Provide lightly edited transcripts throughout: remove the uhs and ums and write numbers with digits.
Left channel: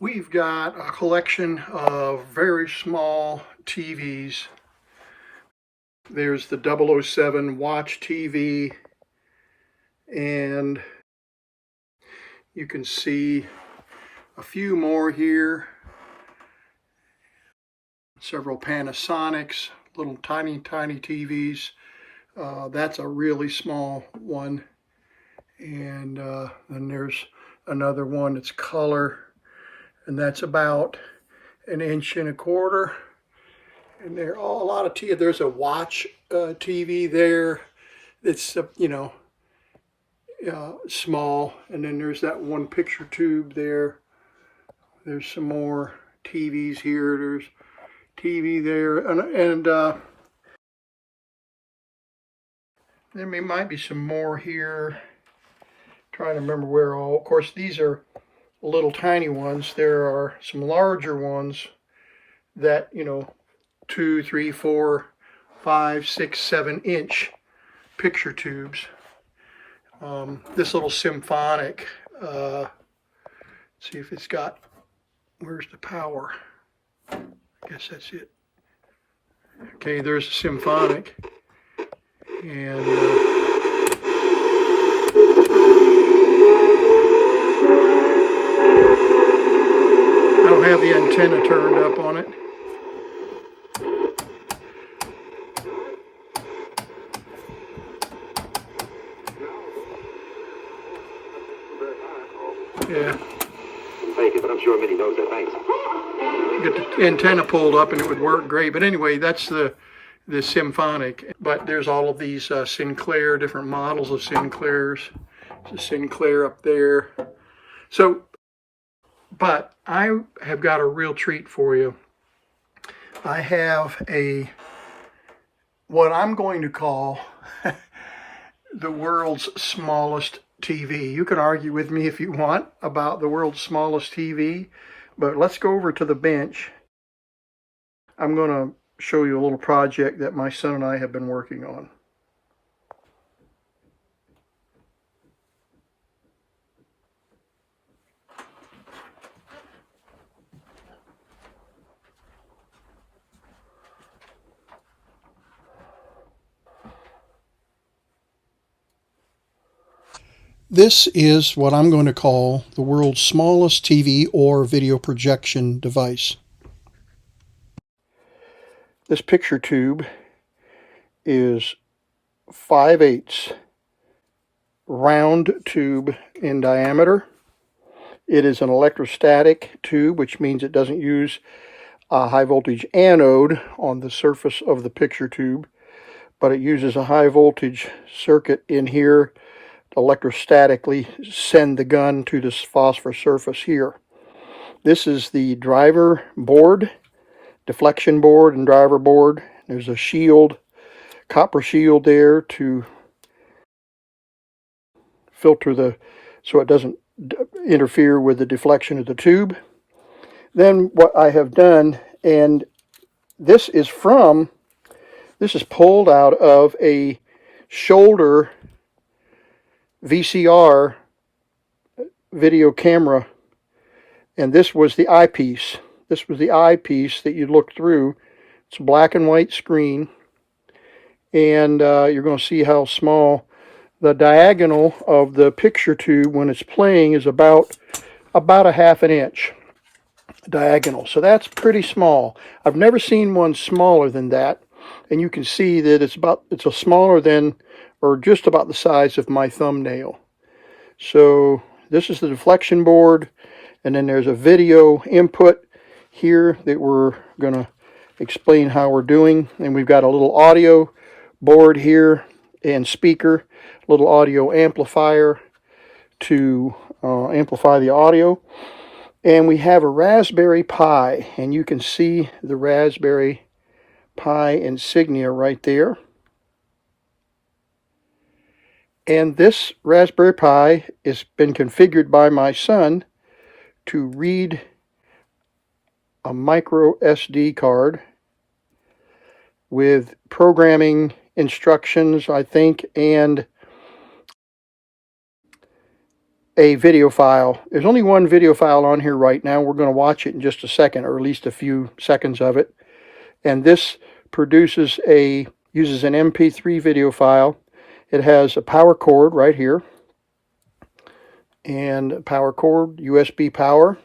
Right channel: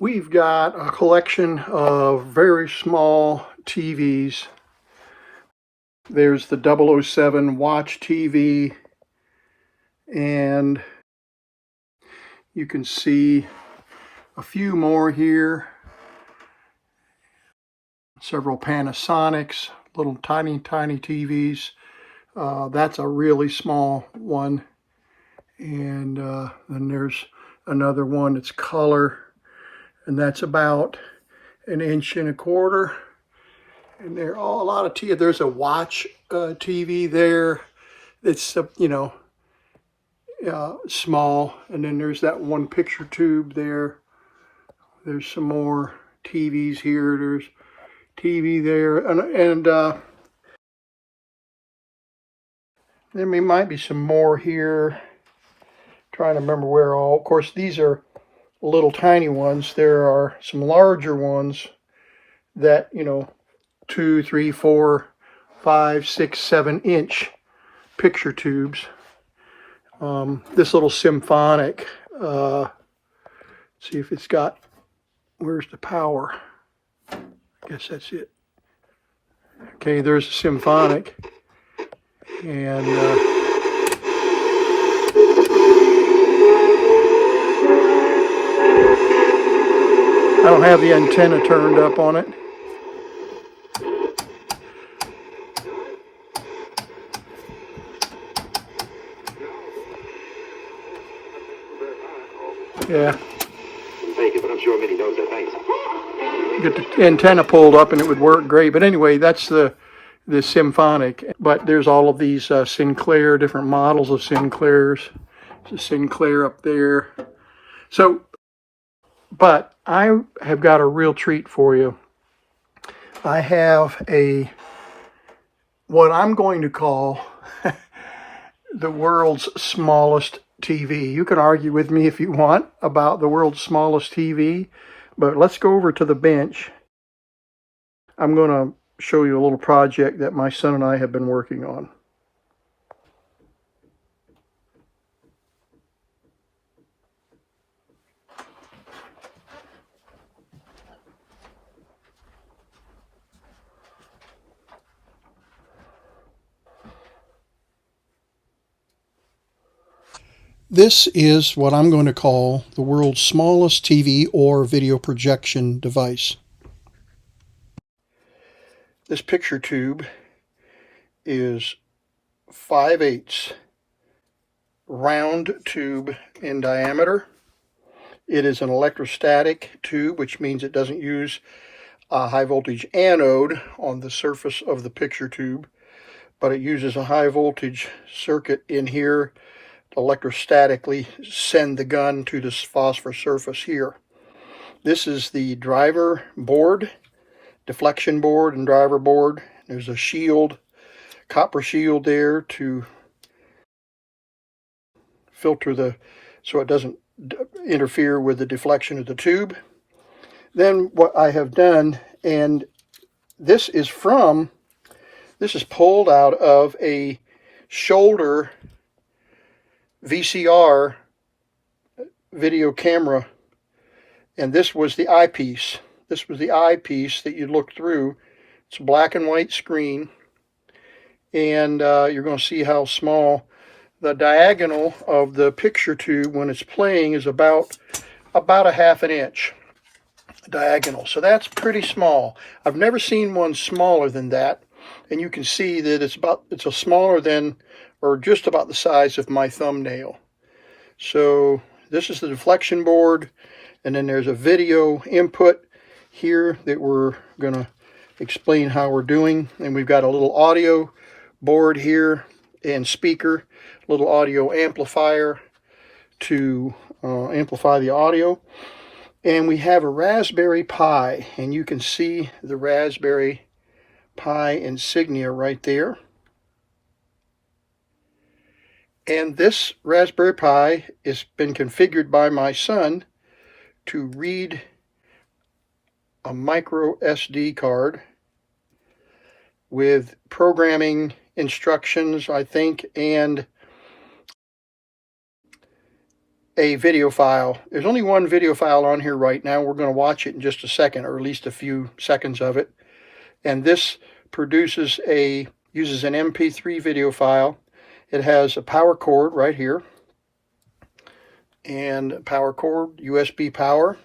We've got a collection of very small TVs. There's the 007 Watch TV, and you can see a few more here. Several Panasonics, little tiny TVs. That's a really small one. And then there's another one that's color, and that's about 1.25 inches. And there are a lot of TV. There's a Watch TV there. It's small, and then there's that one picture tube there. There's some more TVs here. There's TV there, and there might be some more here. Trying to remember where all. Of course, these are little tiny ones. There are some larger ones that 2, 3, 4, 5, 6, 7-inch picture tubes. This little symphonic. See if it's got. Where's the power? I guess that's it. Okay, there's a symphonic, and I don't have the antenna turned up on it. Yeah. But I'm sure Minnie knows that. Thanks. Get the antenna pulled up and it would work great. But anyway, that's the symphonic. But there's all of these Sinclair, different models of Sinclairs. There's a Sinclair up there. So, but I have got a real treat for you. I have what I'm going to call the world's smallest TV. You can argue with me if you want about the world's smallest TV, but let's go over to the bench. I'm going to show you a little project that my son and I have been working on. This is what I'm going to call the world's smallest TV or video projection device. This picture tube is 5/8 round tube in diameter. It is an electrostatic tube, which means it doesn't use a high voltage anode on the surface of the picture tube, but it uses a high voltage circuit in here electrostatically send the gun to this phosphor surface here. This is the driver board, deflection board and driver board. There's a shield, copper shield there to filter so it doesn't interfere with the deflection of the tube. Then what I have done, and this is pulled out of a shoulder VCR video camera, and this was the eyepiece. This was the eyepiece that you look through. It's a black and white screen, and you're going to see how small the diagonal of the picture tube when it's playing is about 1/2 inch diagonal. So that's pretty small. I've never seen one smaller than that, and you can see that it's a smaller than, or just about the size of my thumbnail. So this is the deflection board, and then there's a video input here that we're going to explain how we're doing. And we've got a little audio board here and speaker, little audio amplifier to amplify the audio. And we have a Raspberry Pi, and you can see the Raspberry Pi insignia right there. And this Raspberry Pi has been configured by my son to read a micro SD card with programming instructions, I think, and a video file. There's only one video file on here right now. We're going to watch it in just a second, or at least a few seconds of it. And this uses an MP3 video file. It has a power cord right here, and power cord, USB power,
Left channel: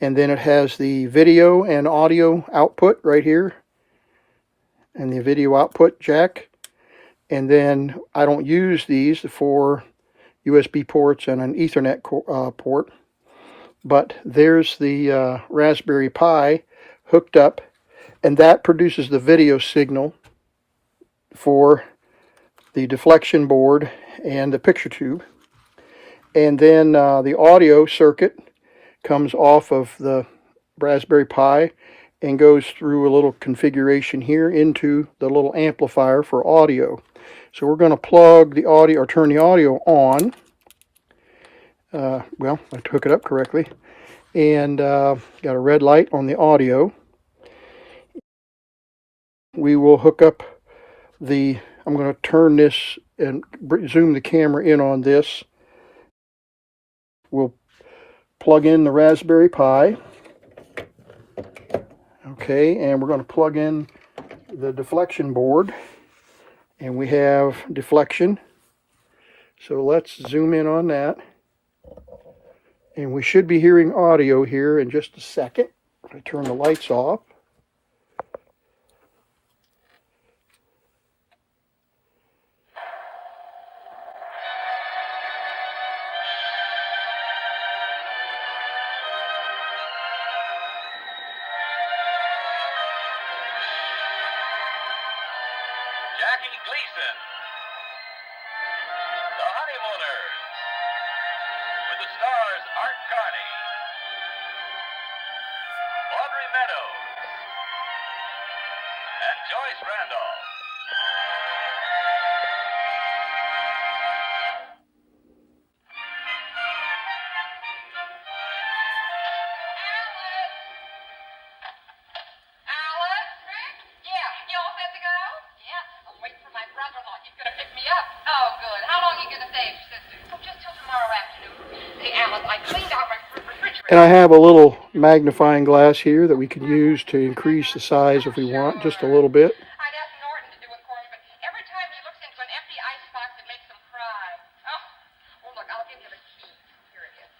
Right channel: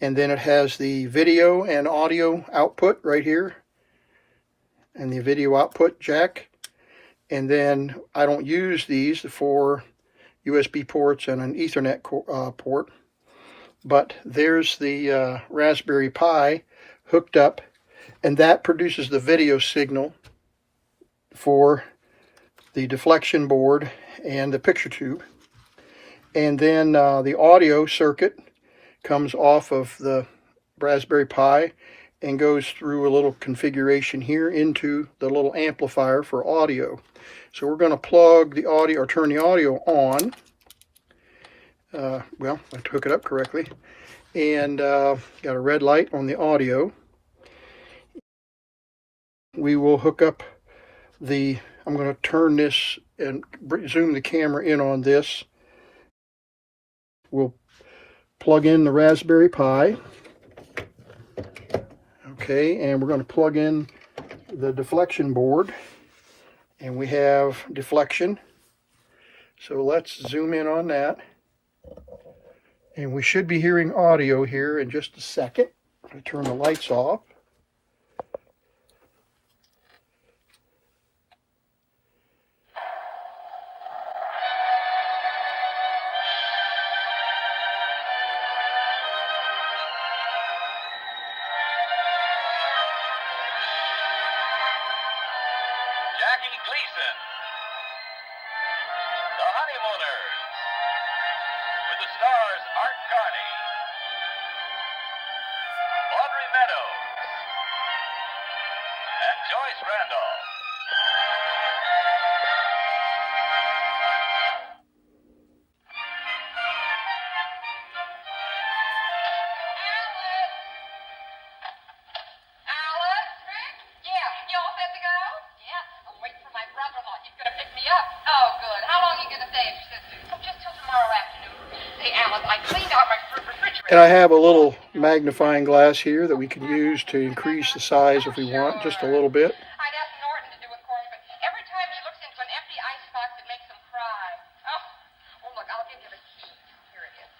and then it has the video and audio output right here, and the video output jack. And then I don't use these, the 4 USB ports and an Ethernet port, but there's the Raspberry Pi hooked up, and that produces the video signal for the deflection board and the picture tube. And then the audio circuit comes off of the Raspberry Pi and goes through a little configuration here into the little amplifier for audio. So we're going to plug the audio, or turn the audio on. Well, I took it up correctly. And got a red light on the audio. We will hook up I'm going to turn this and zoom the camera in on this. We'll plug in the Raspberry Pi. Okay, and we're going to plug in the deflection board. And we have deflection. So let's zoom in on that. And we should be hearing audio here in just a second. I'm going to turn the lights off. Jackie Gleason, The Honeymooners, with the stars Art Carney, Audrey Meadows, and Joyce Randolph. Oh, good. How long are you going to stay at your sister's? Oh, just till tomorrow afternoon. Hey, Alice, I cleaned out my refrigerator. And I have a little magnifying glass here that we can use to increase the size if we want, just a little bit. I'd ask Norton to do it for me, but every time he looks into an empty icebox, it makes him cry. Oh, look, I'll give you the key. Here it is.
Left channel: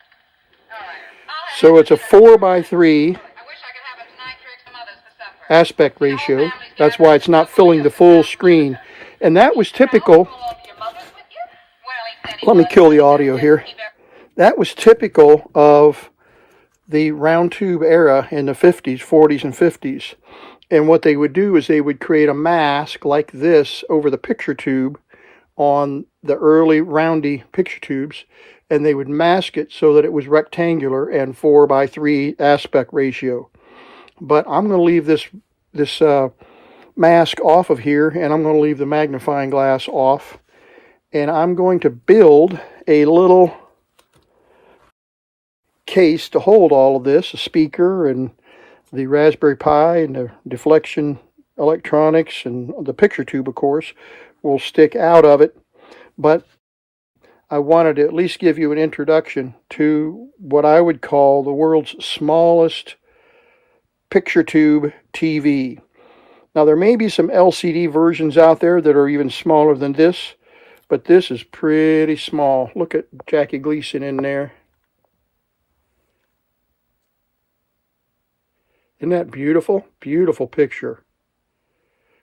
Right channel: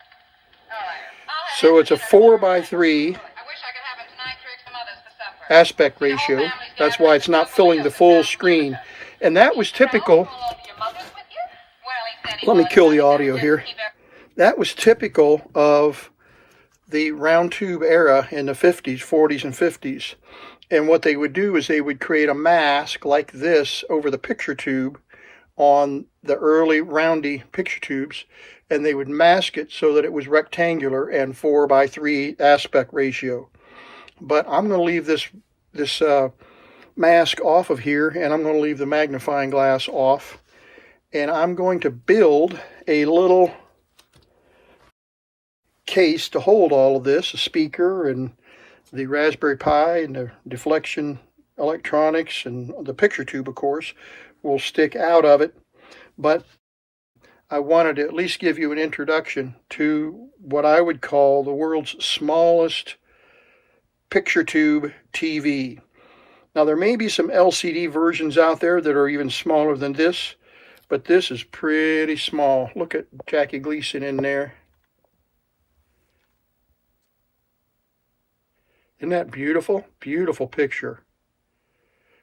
All right. So it's a 4x3 I wish I could have a tonight trick some others for supper. aspect ratio. That's why it's not filling the full screen. And that was typical. Let me kill the audio here. That was typical of the round tube era in the 50s, 40s, and 50s. And what they would do is they would create a mask like this over the picture tube on the early roundy picture tubes, and they would mask it so that it was rectangular and 4x3 aspect ratio. But I'm going to leave this mask off of here, and I'm going to leave the magnifying glass off, and I'm going to build a little case to hold all of this, a speaker and the Raspberry Pi and the deflection electronics and the picture tube, of course, will stick out of it. But I wanted to at least give you an introduction to what I would call the world's smallest picture tube TV. Now, there may be some LCD versions out there that are even smaller than this, but this is pretty small. Look at Jackie Gleason in there. Isn't that beautiful? Beautiful picture.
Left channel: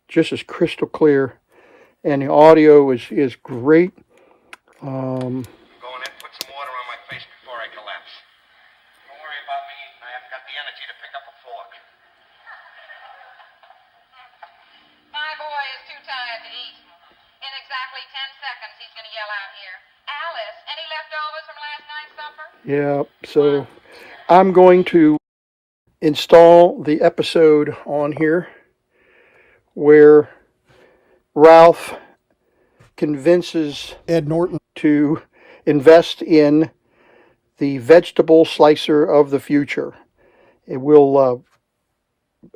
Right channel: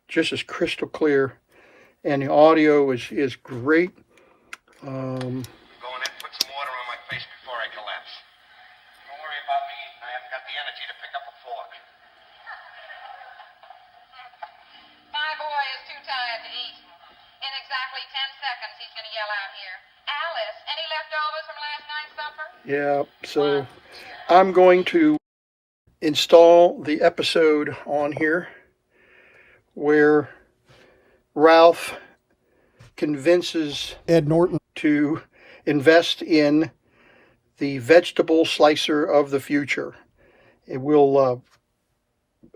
Just as crystal clear. And the audio is great. Go in and put some water on my face before I collapse. Don't worry about me. I haven't got the energy to pick up a fork. My boy is too tired to eat. In exactly 10 seconds, he's going to yell out here, Alice, any leftovers from last night's supper? Yeah, so I'm going to install the episode on here where Ralph convinces Ed Norton to invest in the vegetable slicer of the future. It will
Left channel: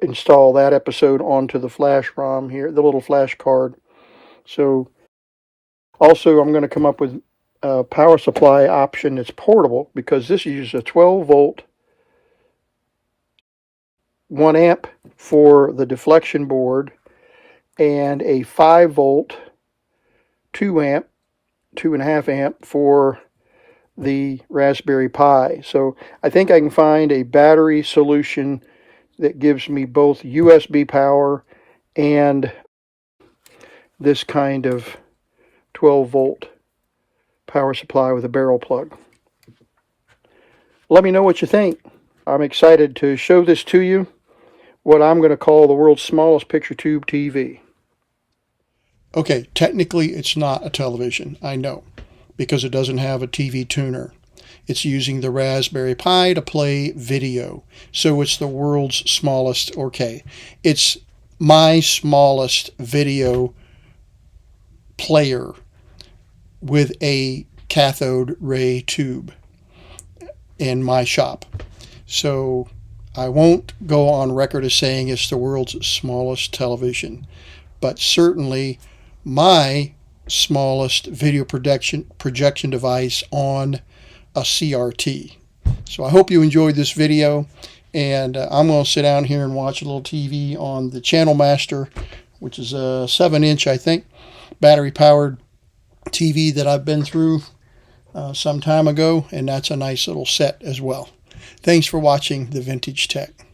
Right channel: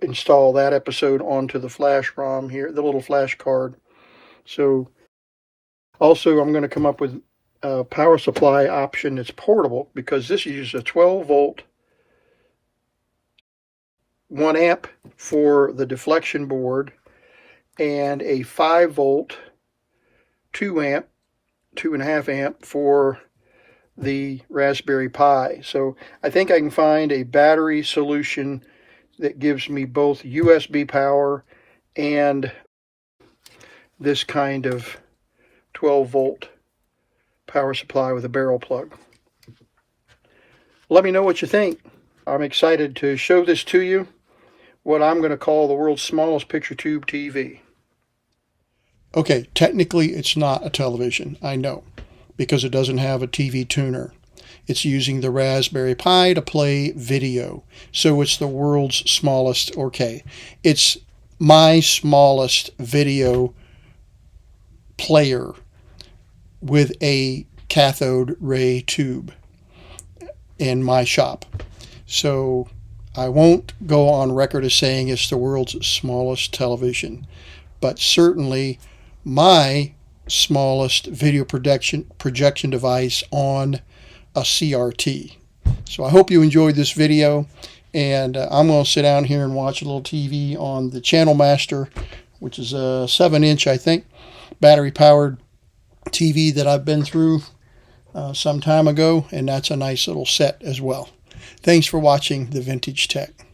install that episode onto the flash ROM here, the little flash card. So also I'm going to come up with power supply option that's portable, because this uses a 12 volt 1 amp for the deflection board and a 5 volt 2 amp 2.5 amp for the Raspberry Pi. So I think I can find a battery solution that gives me both USB power and this kind of 12 volt power supply with a barrel plug. Let me know what you think. I'm excited to show this to you, what I'm going to call the world's smallest picture tube TV. Okay, technically it's not a television, I know, because it doesn't have a TV tuner. It's using the Raspberry Pi to play video. So it's the world's smallest, okay, it's my smallest video player with a cathode ray tube in my shop. So I won't go on record as saying it's the world's smallest television, but certainly my smallest video projection device on a CRT. So I hope you enjoyed this video, and I'm going to sit down here and watch a little TV on the Channel Master, which is a 7-inch, I think, battery powered TV that I've been through some time ago, and that's a nice little set as well. Thanks for watching The Vintage Tech.